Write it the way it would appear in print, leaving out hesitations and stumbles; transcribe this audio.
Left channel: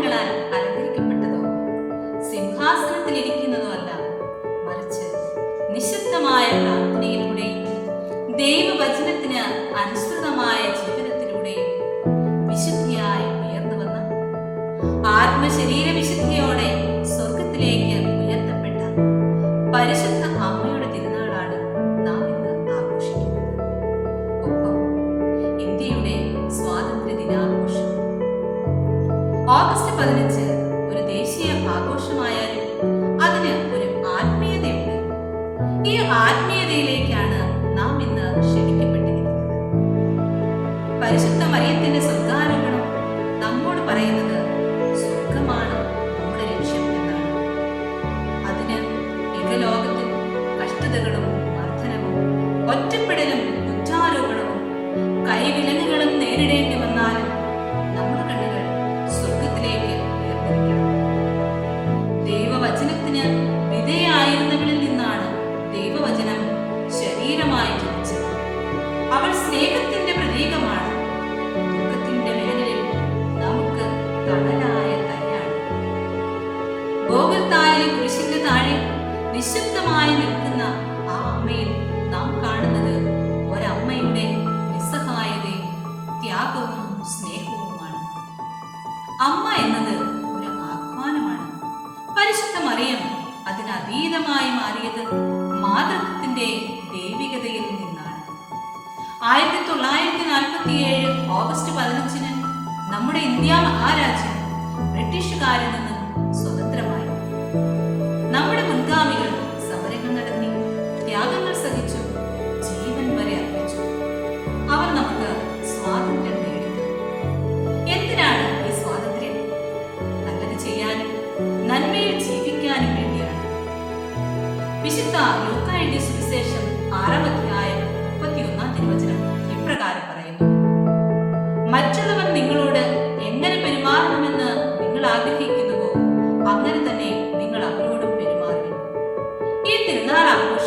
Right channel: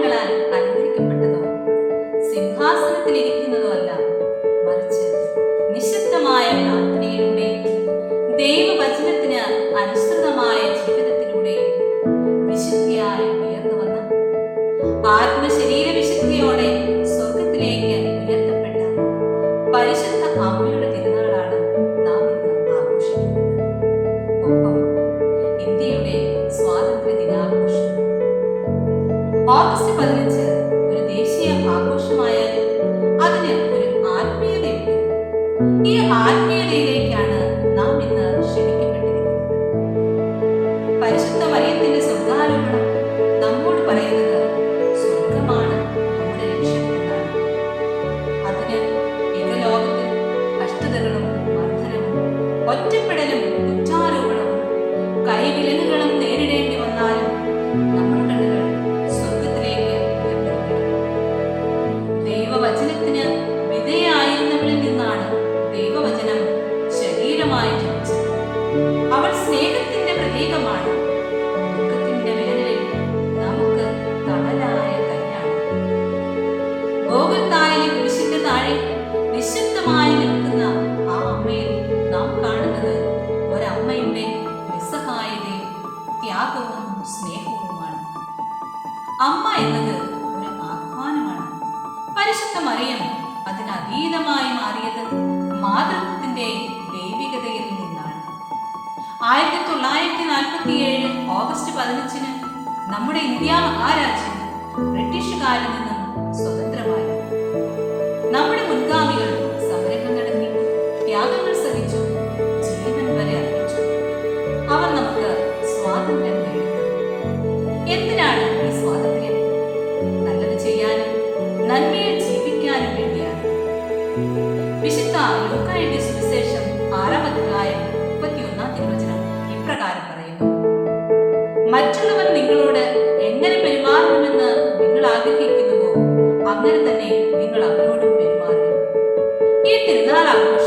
ആഭരണങ്ങളാൽ അലങ്കരിക്കപ്പെട്ടതോ സിംഹാസനത്തിലിരിക്കുന്നതോ അല്ല, മറിച്ച് നിശബ്ദമായ പ്രാർത്ഥനയിലൂടെയും ദൈവവചനത്തിന് അനുസൃതമായ ജീവിതത്തിലൂടെയും വിശുദ്ധിയായി ഉയർന്നു വന്ന ആത്മശരീര വിശുദ്ധിയോടെ സ്വർഗത്തിലേക്ക് ഉയർത്തപ്പെട്ട പരിശുദ്ധ അമ്മയുടെ തിരുനാളാണ് നാം ഇന്ന് ആഘോഷിക്കുന്നത്. ഒപ്പം ഇന്ത്യയുടെ സ്വാതന്ത്ര്യ ദിനാഘോഷം ഓഗസ്റ്റ് 15 ഒരു ദേശീയ ആഘോഷമായാലും അതിന് ഒരു ആത്മീയതയുണ്ട്. ഈ ആത്മീയതയിലേക്കാണ് നാം ഇന്ന് ക്ഷണിക്കപ്പെട്ടിരിക്കുന്നത്. പരിശുദ്ധ മറിയത്തിന്റെ സ്വർഗാരോപണം നമ്മോട് പറയുന്നത് സ്വർഗമാണ് നമ്മുടെ ലക്ഷ്യം എന്നാണ്. അതിന് ഇഹലോകത്തിൽ കഷ്ടതകളും മർദ്ദനവും ഒറ്റപ്പെടലും കുറ്റാരോപണവും കൈവിലങ്ങുകളും നേരിടേണ്ടി വന്നാലും നമ്മുടെ കണ്ണുകൾ സ്വർഗത്തിലേക്ക് ഉയർന്നിരിക്കണം. ദൈവവചനത്തിന് വിധേയായിരുന്നവളിൽ നിന്നാണ് ദൈവവചനം ശരീരമായി ജനിച്ചത്. അവൾ സ്നേഹത്തിന്റെ പ്രതീകമാണ്. ദുഃഖത്തിന്റെ വേനലിൽ നമുക്ക് തണലായ തൈയാണ്. ഗോകുൽത്തായിലെ കുരിശിന്റെ താഴെ നിശബ്ദമായി നിൽക്കുന്ന ആ അമ്മയിൽ നാം കാണുന്നത് ഒരമ്മയുടെ നിസ്സഹായതയും ത്യാഗവും സ്നേഹവുമാണ്. അമ്മ എന്നത് ഒരു ആഹ്വാനമാണ്. പരിശുദ്ധ മറിയം അതിനതീതമായി മാറിയത് മാതൃത്വത്തിന്റെ ദൈവികതയിൽ നിന്നാണ്. 1947 ഓഗസ്റ്റ് 15 നമ്മുടെ ഇന്ത്യ മഹാരാജ്യം ബ്രിട്ടീഷുകാരിൽ നിന്നും സ്വതന്ത്രമായി. നമ്മുടെ മുൻഗാമികൾ സമരങ്ങൾ നടത്തി, ത്യാഗങ്ങൾ സഹിച്ചു, ജീവൻ വരെ അർപ്പിച്ചു. അവർ നമുക്ക് സ്വാതന്ത്ര്യം നേടിത്തന്നു. എന്തിനാണ് ഈ സ്വാതന്ത്ര്യം? നല്ലത് ചെയ്യാനും നന്മയിൽ ജീവിക്കാനും വേണ്ടിയാണ്. വിശുദ്ധ ലൂക്കാ എഴുതിയ സുവിശേഷം 6-ാം അധ്യായം 31-ാം തിരുവചനം ഇപ്രകാരം പറയുന്നു: മറ്റുള്ളവർ നിങ്ങളോട് എങ്ങനെ പെരുമാറണമെന്ന് നിങ്ങൾ ആഗ്രഹിക്കുന്നുവോ അങ്ങനെ തന്നെ നിങ്ങൾ അവരോടും പെരുമാറുക. ഈ തിരുനാൾ ആഘോഷം